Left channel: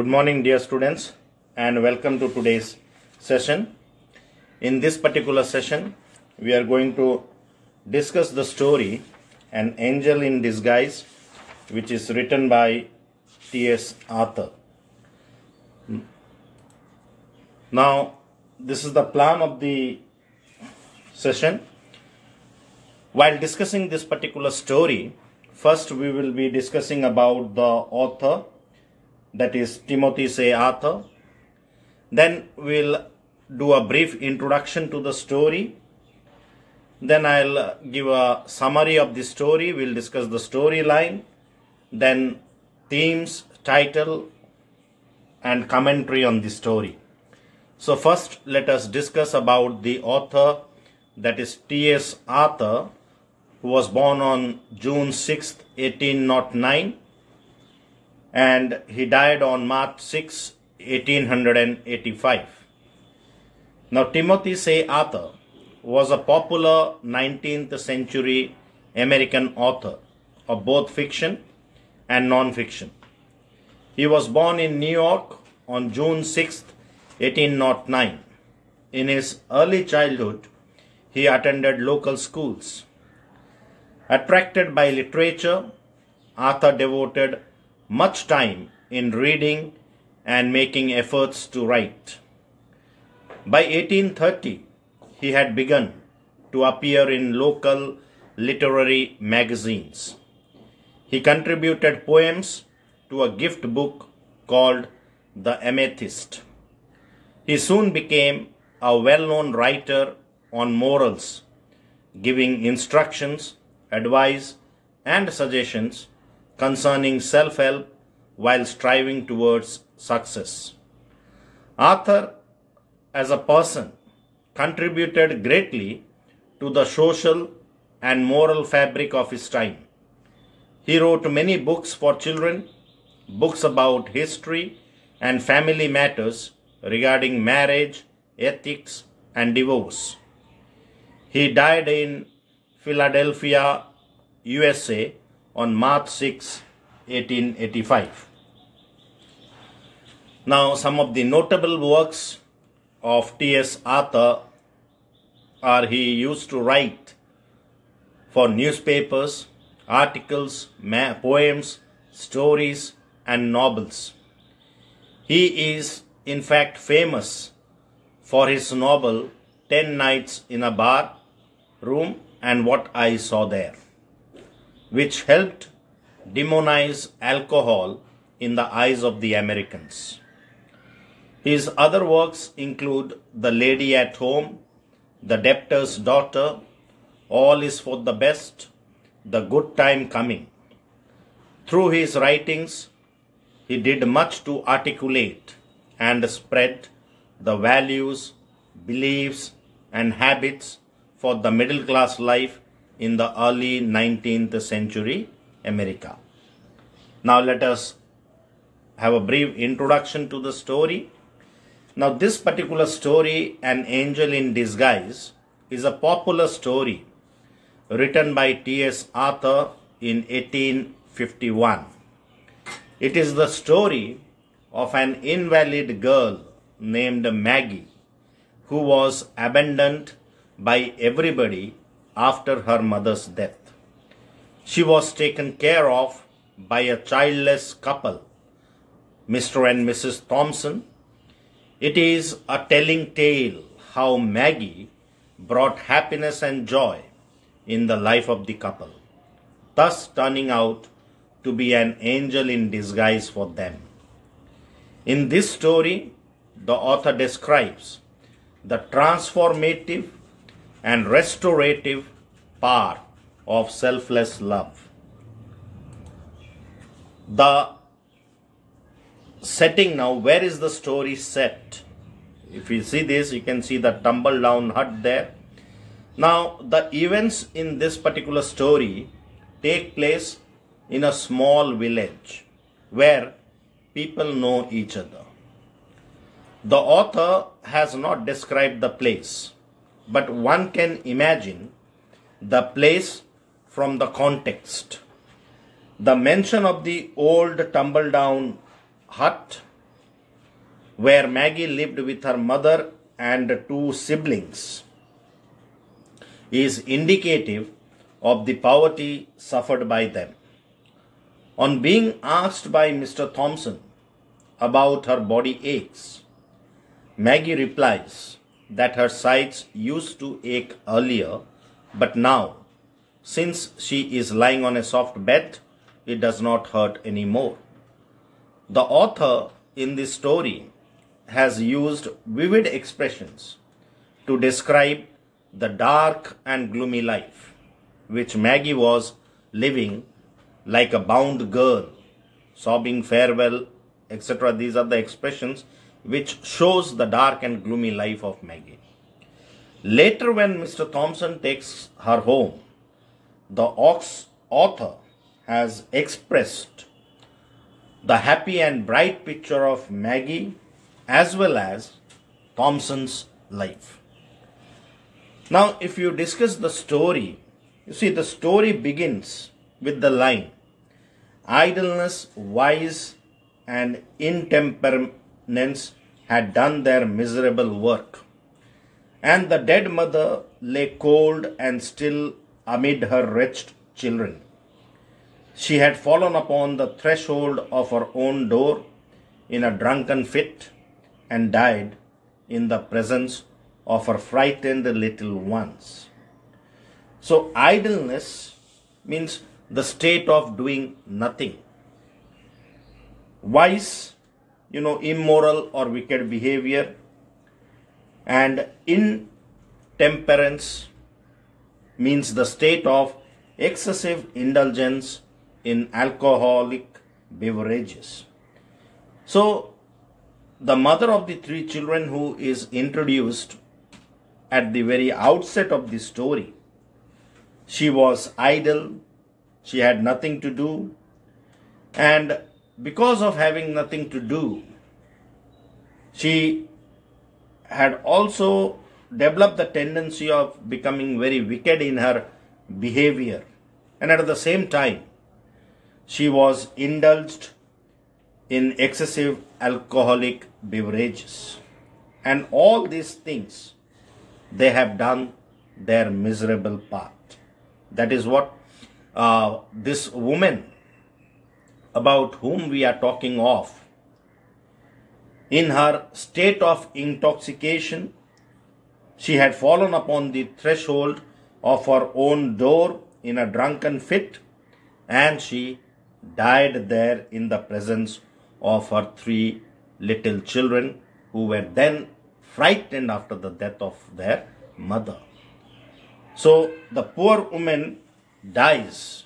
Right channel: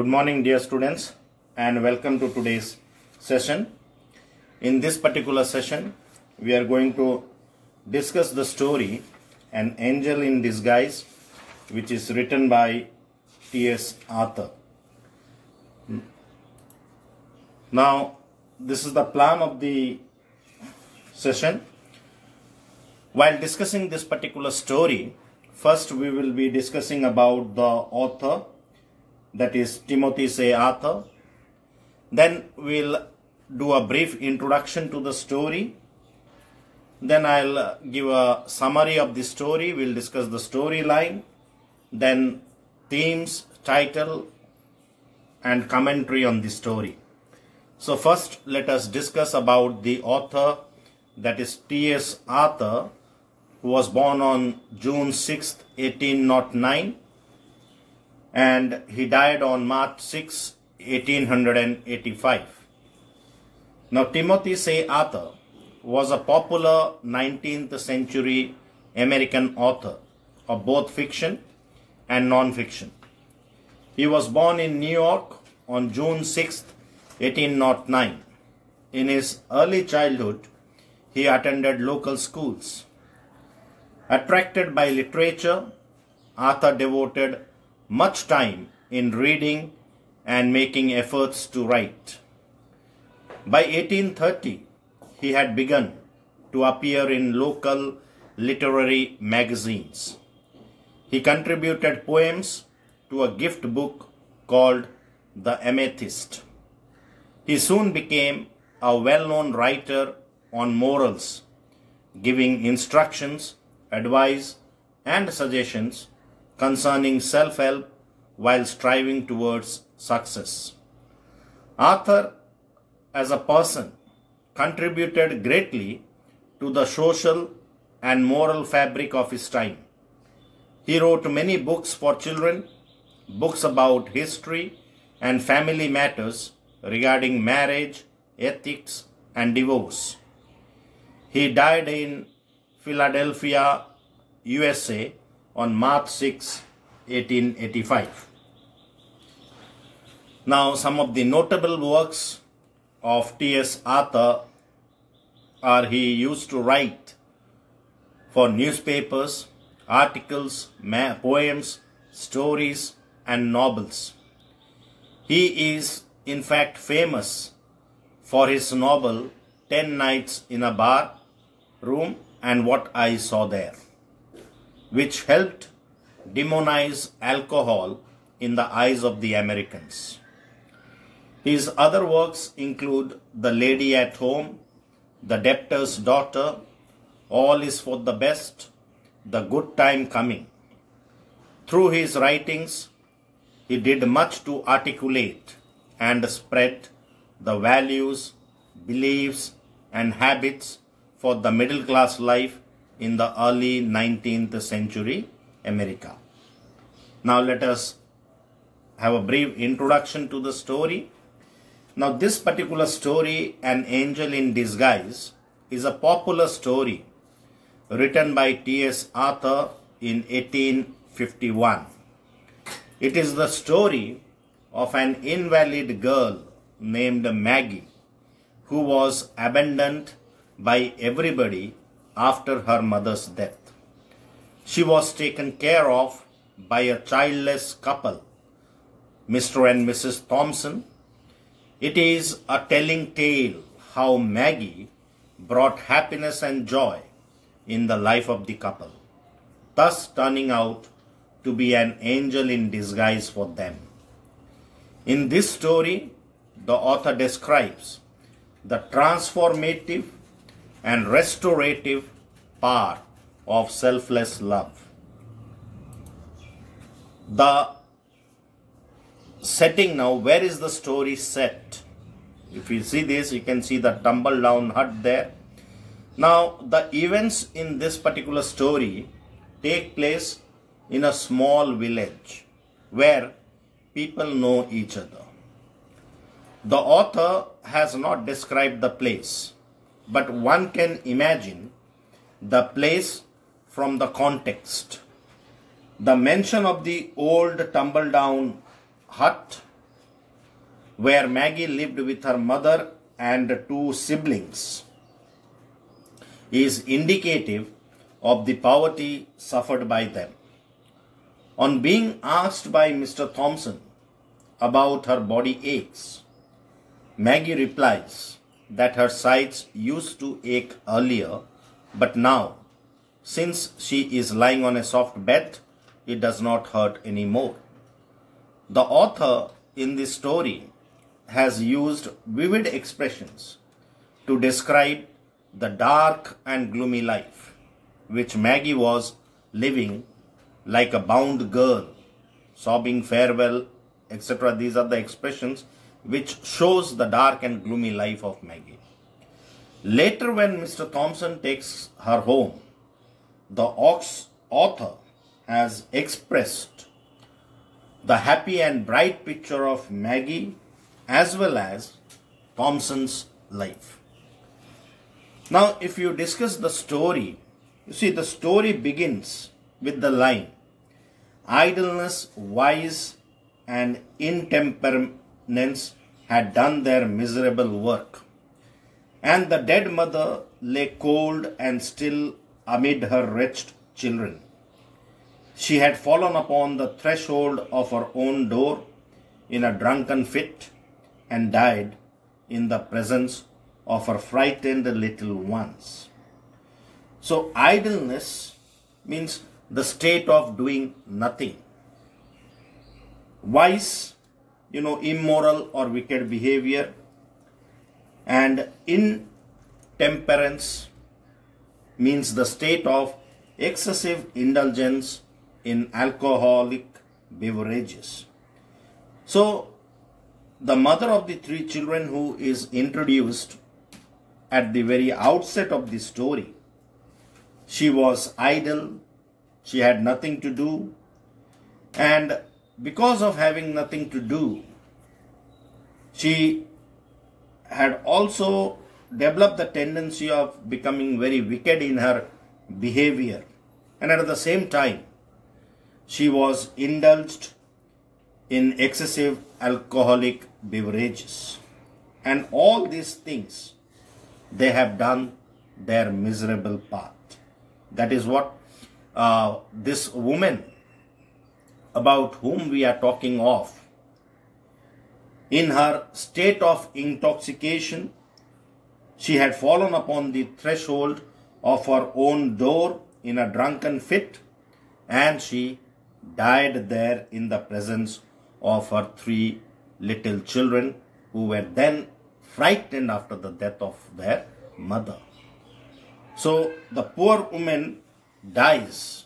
Good morning, dear students, and welcome to today's session. In this particular session, we are going to discuss the story An Angel in Disguise, which is written by T.S. Arthur. Now, this is the plan of the session. While discussing this particular story, first we will be discussing about the author, that is Timothy C. Arthur. Then we'll do a brief introduction to the story. Then I'll give a summary of the story. We'll discuss the storyline, then themes, title, and commentary on the story. So first let us discuss about the author, that is T.S. Arthur, who was born on June 6, 1809, and he died on March 6, 1885. Now, Timothy C. Arthur was a popular 19th century American author of both fiction and non-fiction. He was born in New York on June 6, 1809. In his early childhood, he attended local schools. Attracted by literature, Arthur devoted much time in reading and making efforts to write. By 1830, he had begun to appear in local literary magazines. He contributed poems to a gift book called The Amethyst. He soon became a well-known writer on morals, giving instructions, advice, and suggestions concerning self-help while striving towards success. Arthur, as a person, contributed greatly to the social and moral fabric of his time. He wrote many books for children, books about history and family matters regarding marriage, ethics, and divorce. He died in Philadelphia, USA on March 6, 1885. Now, some of the notable works of T.S. Arthur are he used to write for newspapers, articles, poems, stories, and novels. He is in fact famous for his novel 10 Nights in a Bar Room and What I Saw There, which helped demonize alcohol in the eyes of the Americans. His other works include The Lady at Home, The Debtor's Daughter, All is for the Best, The Good Time Coming. Through his writings, he did much to articulate and spread the values, beliefs, and habits for the middle class life in the early 19th century America. Now let us have a brief introduction to the story. Now this particular story, An Angel in Disguise, is a popular story written by T.S. Arthur in 1851. It is the story of an invalid girl named Maggie, who was abandoned by everybody after her mother's death. She was taken care of by a childless couple, Mr. and Mrs. Thompson. It is a telling tale how Maggie brought happiness and joy in the life of the couple, thus turning out to be an angel in disguise for them. In this story, the author describes the transformative and restorative part of selfless love. The setting now, where is the story set? If you see this, you can see the tumble down hut there. Now, the events in this particular story take place in a small village where people know each other. The author has not described the place, but one can imagine the place from the context. The mention of the old tumble-down hut where Maggie lived with her mother and two siblings, is indicative of the poverty suffered by them. On being asked by Mr. Thompson about her body aches, Maggie replies that her sides used to ache earlier, but now, since she is lying on a soft bed, it does not hurt anymore. The author in this story has used vivid expressions to describe the dark and gloomy life which Maggie was living, like a bound girl, sobbing farewell, etc. These are the expressions which shows the dark and gloomy life of Maggie. Later, when Mr. Thompson takes her home, the author has expressed the happy and bright picture of Maggie as well as Thompson's life. Now, if you discuss the story, you see the story begins with the line, idleness, vice, and intemperance had done their miserable work, and the dead mother lay cold and still amid her wretched children. She had fallen upon the threshold of her own door in a drunken fit and died in the presence of her frightened little ones. So idleness means the state of doing nothing. Vice, immoral or wicked behavior, and intemperance means the state of excessive indulgence in alcoholic beverages. So the mother of the three children, who is introduced at the very outset of the story, she was idle, she had nothing to do, and because of having nothing to do, she had also developed the tendency of becoming very wicked in her behavior, and at the same time she was indulged in excessive alcoholic beverages. And all these things, they have done their miserable part. That is what this woman about whom we are talking of, in her state of intoxication, she had fallen upon the threshold of her own door in a drunken fit, and she died there in the presence of her three little children, who were then frightened after the death of their mother. So the poor woman dies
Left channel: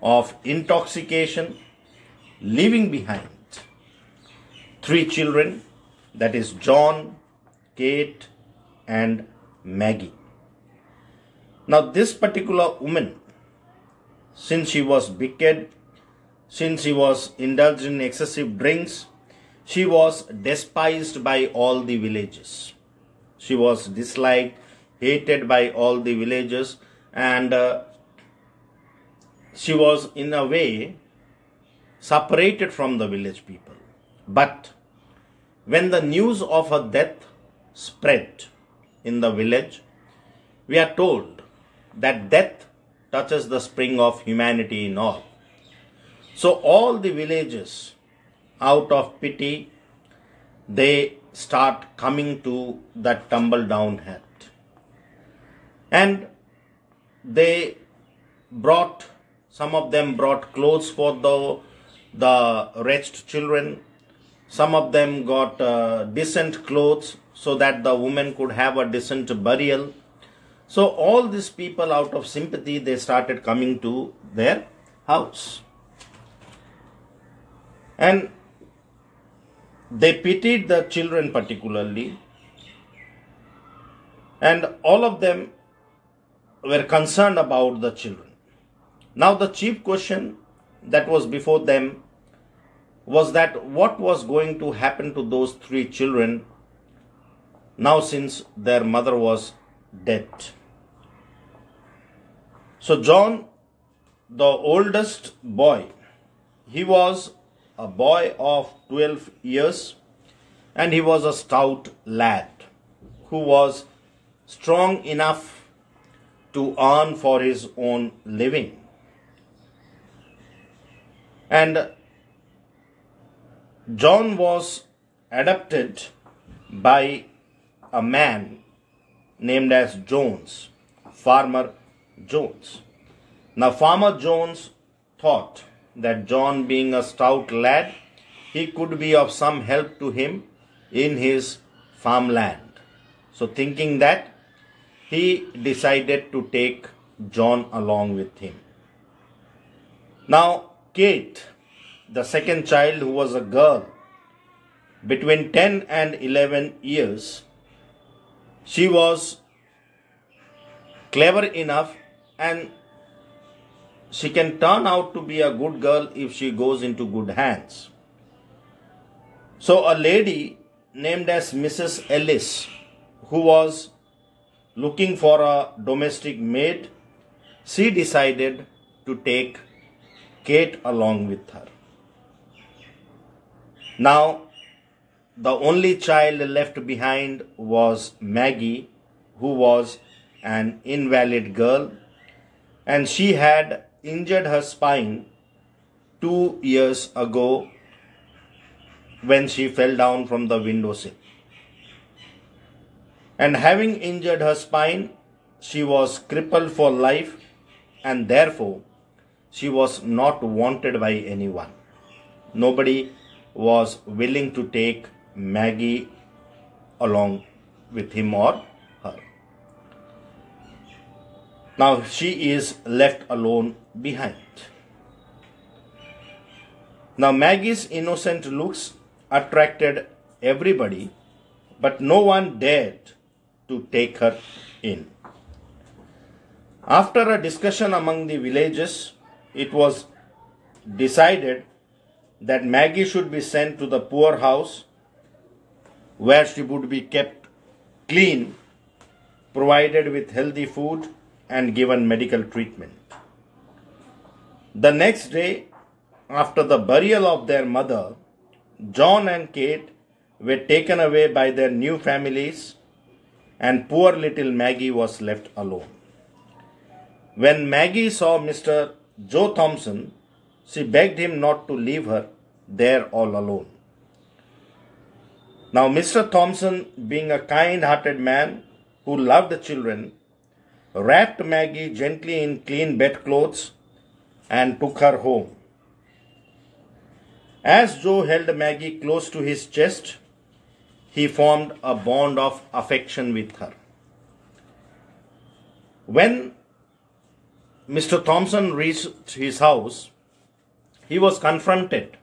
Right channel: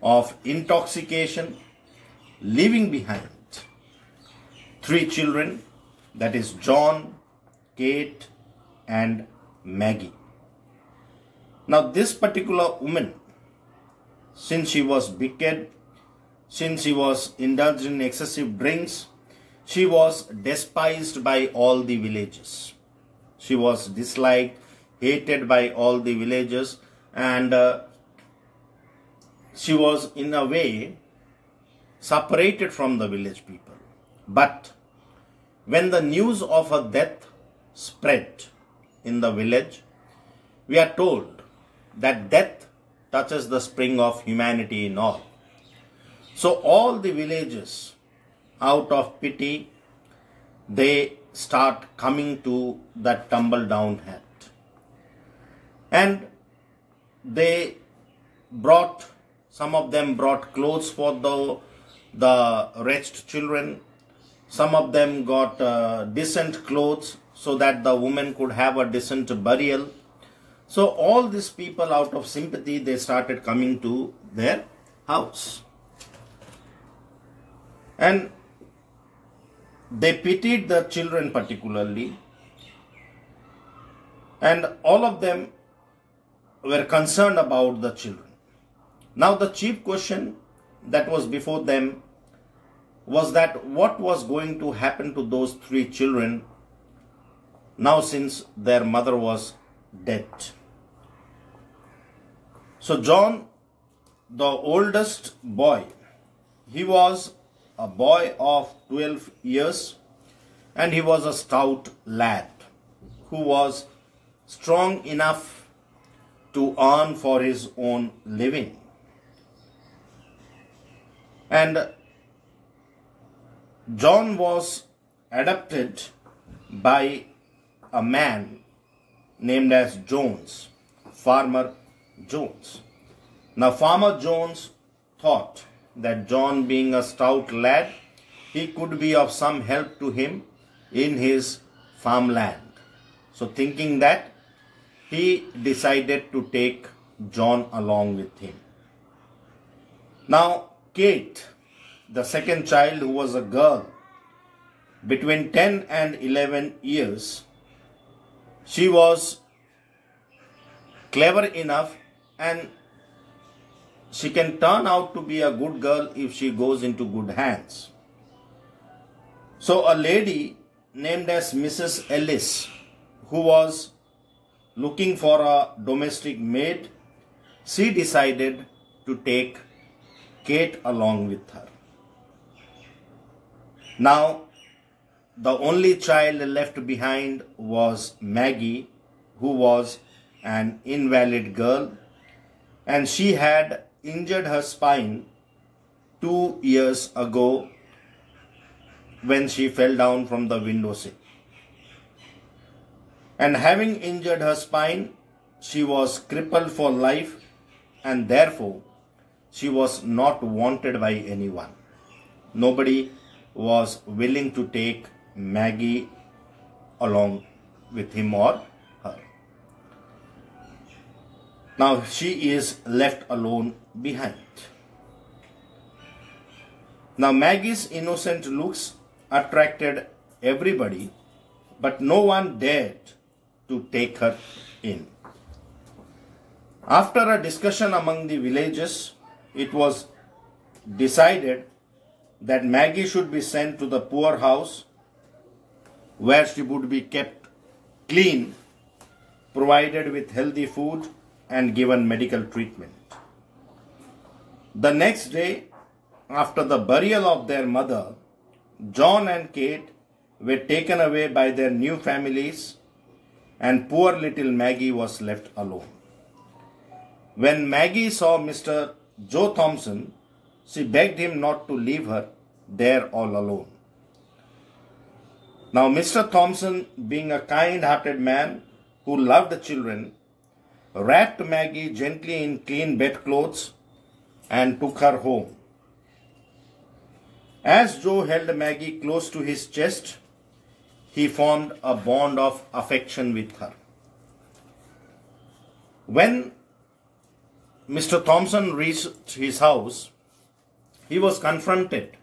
of intoxication, leaving behind three children, that is John, Kate, and Maggie. Now this particular woman, since she was wicked, since she was indulged in excessive drinks, she was despised by all the villagers. She was disliked, hated by all the villagers, and she was in a way separated from the village people. But when the news of her death spread in the village, we are told that death touches the spring of humanity in all. So all the villagers, out of pity, they start coming to that tumble down hat. And they brought, some of them brought clothes for the wretched children. Some of them got decent clothes so that the woman could have a decent burial. So all these people, out of sympathy, they started coming to their house. And they pitied the children particularly. And all of them were concerned about the children. Now the chief question that was before them was that what was going to happen to those three children now since their mother was dead. So John, the oldest boy, he was a boy of 12 years, and he was a stout lad who was strong enough to earn for his own living. And John was adopted by a man named as Jones, Farmer Jones. Now, Farmer Jones thought that John, being a stout lad, he could be of some help to him in his farmland. So, thinking that, he decided to take John along with him. Now, Kate, the second child, who was a girl between 10 and 11 years, she was clever enough and she can turn out to be a good girl if she goes into good hands. So a lady named as Mrs. Ellis, who was looking for a domestic maid, she decided to take Kate along with her. Now, the only child left behind was Maggie, who was an invalid girl, and she had injured her spine 2 years ago when she fell down from the windowsill. And having injured her spine, she was crippled for life, and therefore she was not wanted by anyone. Nobody was willing to take Maggie along with him or her. Now she is left alone behind. Now Maggie's innocent looks attracted everybody, but no one dared to take her in. After a discussion among the villagers, it was decided that Maggie should be sent to the poorhouse, where she would be kept clean, provided with healthy food, and given medical treatment. The next day, after the burial of their mother, John and Kate were taken away by their new families, and poor little Maggie was left alone. When Maggie saw Mr. Joe Thompson, she begged him not to leave her there all alone. Now, Mr. Thompson, being a kind-hearted man who loved the children, wrapped Maggie gently in clean bedclothes and took her home. As Joe held Maggie close to his chest, he formed a bond of affection with her. When Mr. Thompson reached his house, he was confronted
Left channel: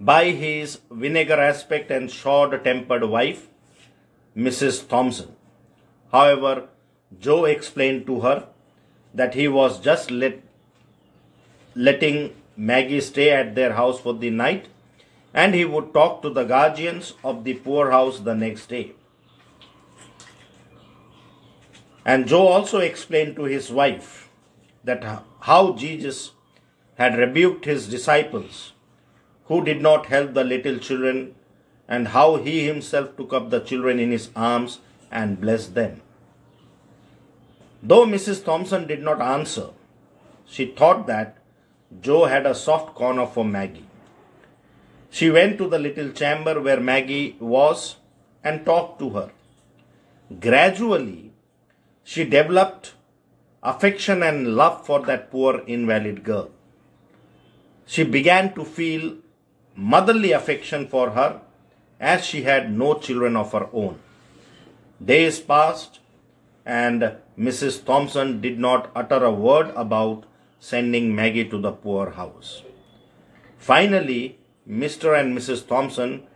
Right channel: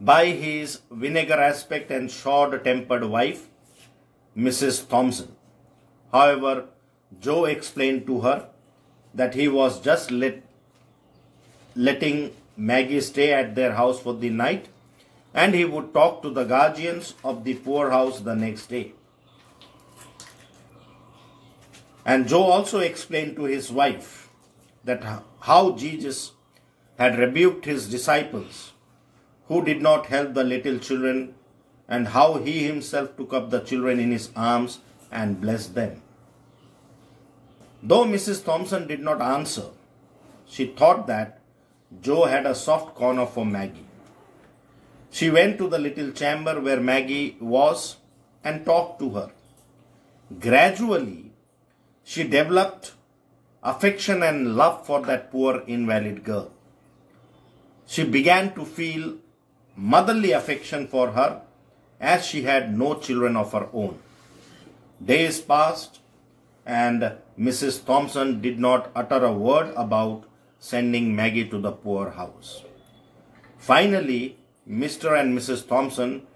by his vinegar-aspect and short-tempered wife, Mrs. Thompson. However, Joe explained to her that he was just letting Maggie stay at their house for the night, and he would talk to the guardians of the poorhouse the next day. And Joe also explained to his wife that how Jesus had rebuked his disciples who did not help the little children, and how he himself took up the children in his arms and blessed them. Though Mrs. Thompson did not answer, she thought that Joe had a soft corner for Maggie. She went to the little chamber where Maggie was and talked to her. Gradually, she developed affection and love for that poor invalid girl. She began to feel motherly affection for her, as she had no children of her own. Days passed, and Mrs. Thompson did not utter a word about sending Maggie to the poorhouse. Finally, Mr. and Mrs. Thompson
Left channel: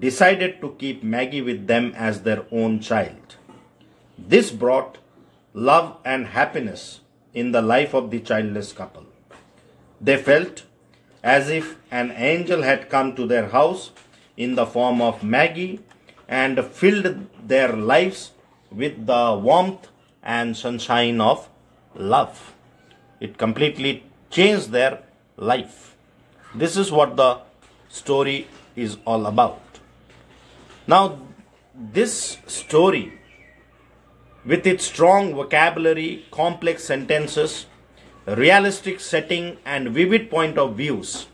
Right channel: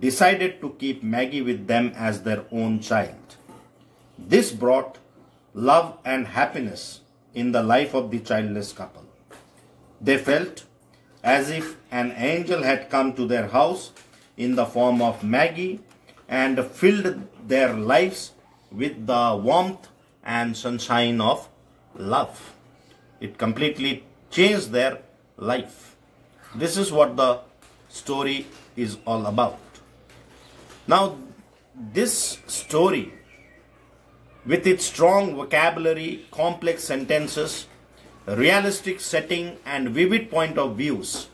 decided to keep Maggie with them as their own child. This brought love and happiness in the life of the childless couple. They felt as if an angel had come to their house in the form of Maggie and filled their lives with the warmth and sunshine of love. It completely changed their life. This is what the story is all about. Now, this story, with its strong vocabulary, complex sentences, realistic setting and vivid point of views,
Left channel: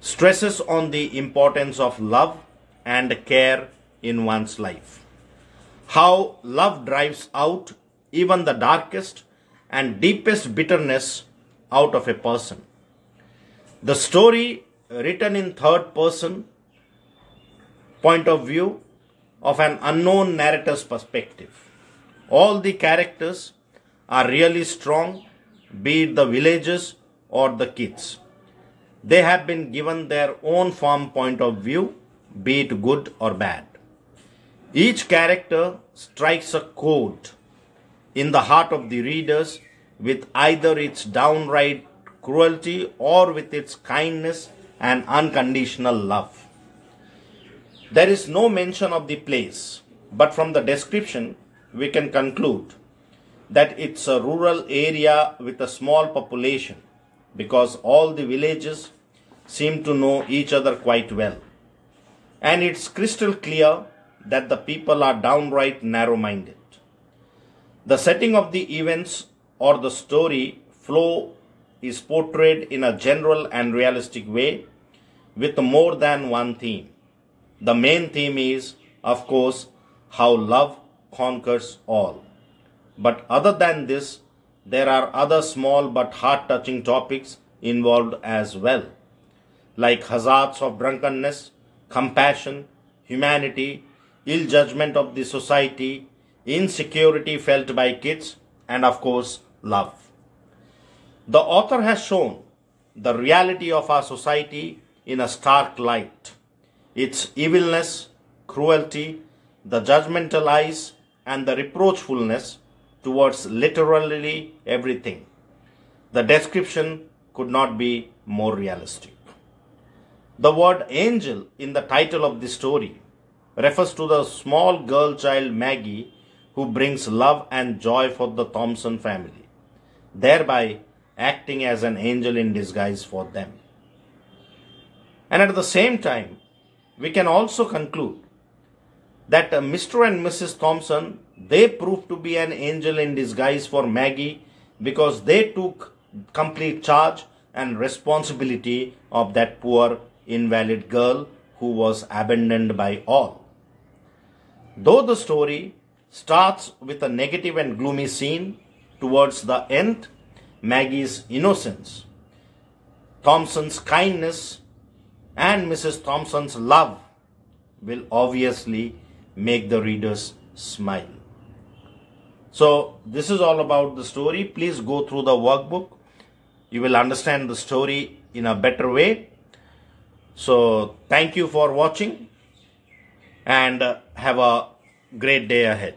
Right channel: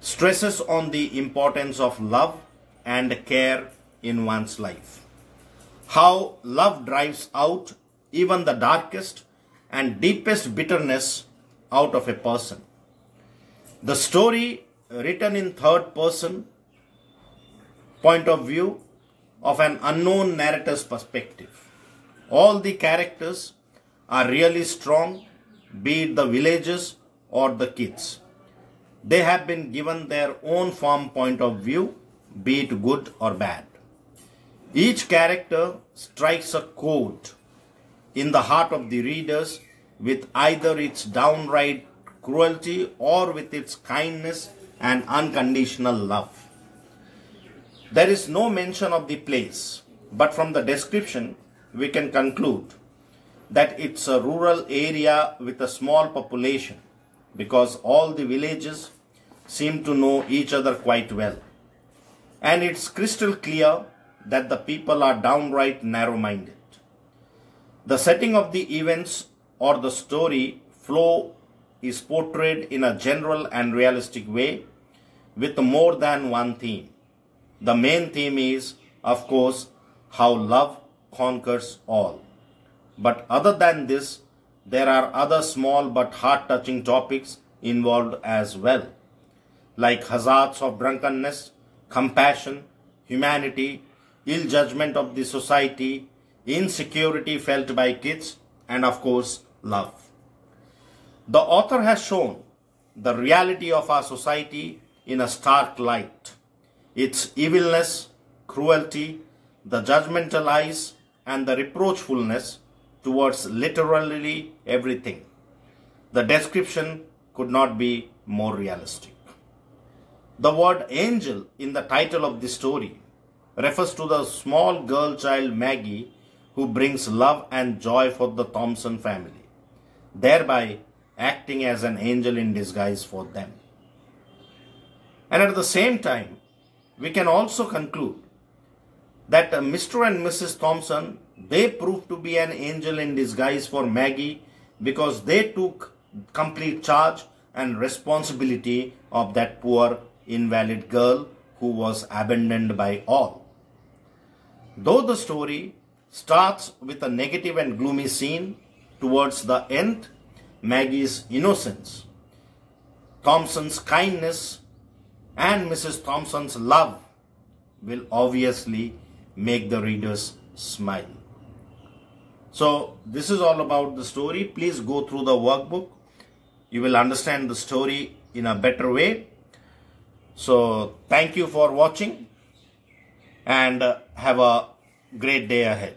stresses on the importance of love and care in one's life. How love drives out even the darkest and deepest bitterness out of a person. The story, written in third person point of view of an unknown narrator's perspective. All the characters are really strong, be it the villagers or the kids. They have been given their own firm point of view, be it good or bad. Each character strikes a chord in the heart of the readers with either its downright cruelty or with its kindness and unconditional love. There is no mention of the place, but from the description we can conclude that it's a rural area with a small population, because all the villages seem to know each other quite well. And it's crystal clear that the people are downright narrow-minded. The setting of the events or the story flow is portrayed in a general and realistic way with more than one theme. The main theme is, of course, how love conquers all. But other than this, there are other small but heart-touching topics involved as well, like hazards of drunkenness, compassion, humanity, ill judgment of the society, insecurity felt by kids, and of course, love. The author has shown the reality of our society in a stark light. Its evilness, cruelty, the judgmental eyes, and the reproachfulness towards literally everything. The description could not be more realistic. The word angel in the title of the story refers to the small girl child Maggie, who brings love and joy for the Thompson family, thereby acting as an angel in disguise for them. And at the same time, we can also conclude that Mr. and Mrs. Thompson, they proved to be an angel in disguise for Maggie, because they took complete charge and responsibility of that poor invalid girl who was abandoned by all. Though the story starts with a negative and gloomy scene, towards the end, Maggie's innocence, Thompson's kindness, and Mrs. Thompson's love will obviously make the readers smile. So this is all about the story. Please go through the workbook. You will understand the story in a better way. So thank you for watching and have a great day ahead.